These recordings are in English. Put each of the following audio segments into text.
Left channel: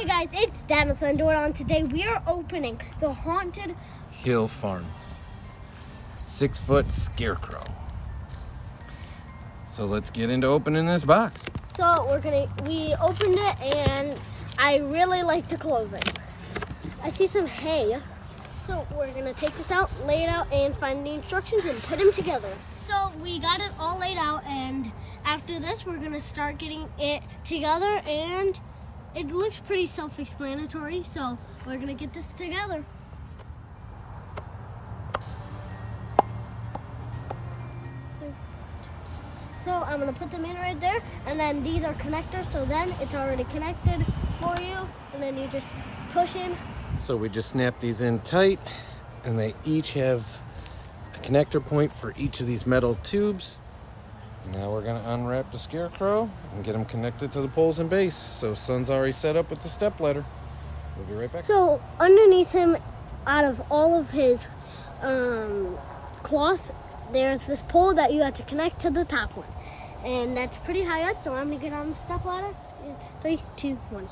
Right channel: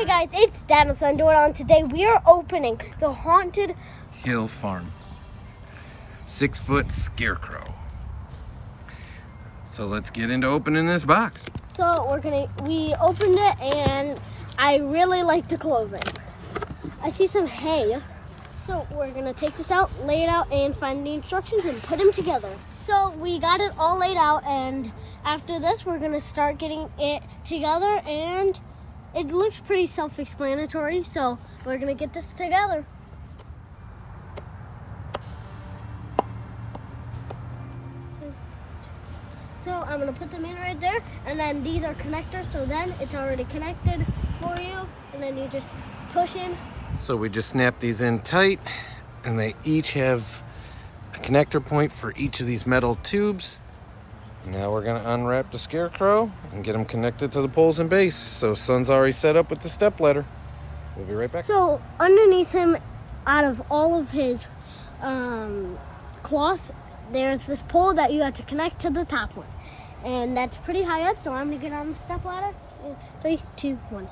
Hey guys, it's Dad and Son doing on. Today we are opening the Haunted Hill Farm 6-foot scarecrow. So let's get into opening this box. So we opened it and I really like the clothing. I see some hay. So we're gonna take this out, lay it out, and find the instructions and put them together. So we got it all laid out, and after this we're gonna start getting it together, and it looks pretty self-explanatory, so we're gonna get this together. So I'm gonna put them in right there, and then these are connectors, so then it's already connected for you, and then you just push in. So we just snap these in tight, and they each have a connector point for each of these metal tubes. Now we're gonna unwrap the scarecrow and get them connected to the poles and base. So Son's already set up with the step ladder. We'll be right back. So underneath him, out of all of his cloth, there's this pole that you have to connect to the top one. And that's pretty high up, so I'm gonna get on the step ladder. 3, 2, 1.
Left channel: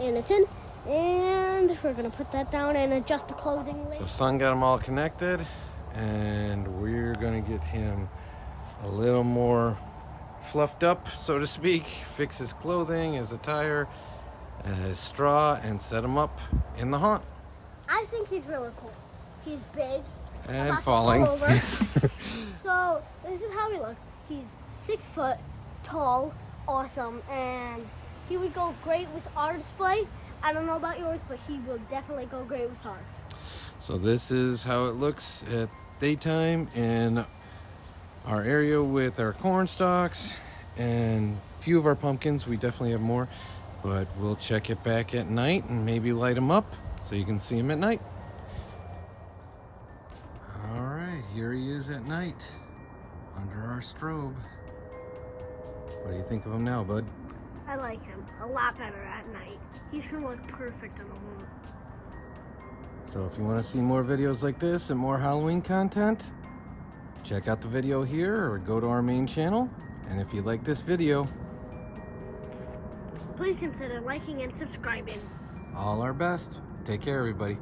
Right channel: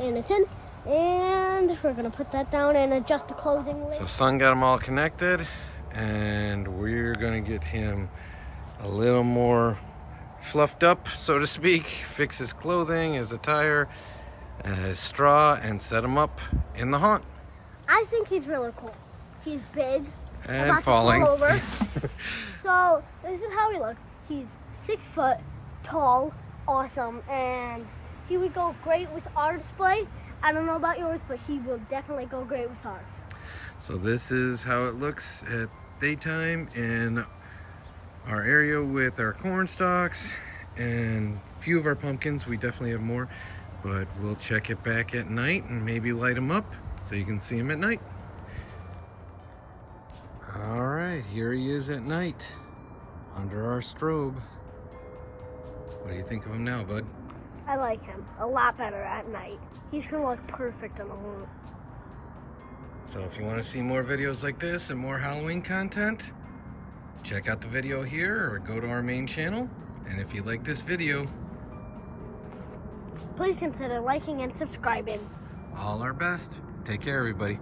And it's in. And we're gonna put that down and adjust the clothing. So Son got them all connected, and we're gonna get him a little more fluffed up, so to speak. Fix his clothing, his attire, his straw, and set him up in the haunt. I think he's really cool. He's big. And falling. So this is how he looks. He's 6 foot tall, awesome, and he would go great with our display. I don't know about yours, but he will definitely go great with ours. So this is how it looks at daytime in our area with our corn stalks and a few of our pumpkins. We definitely have more, but we'll check it back at night and maybe light them up so you can see them at night. All right, here he is at night under our strobe. What do you think of him now, bud? I like him a lot better at night. He's gonna look perfect on the moon. So if you want to see more videos like this and more Halloween content, check out the video here or go to our main channel. And if you like this video, please consider liking and subscribing. all our best. Take care, everybody.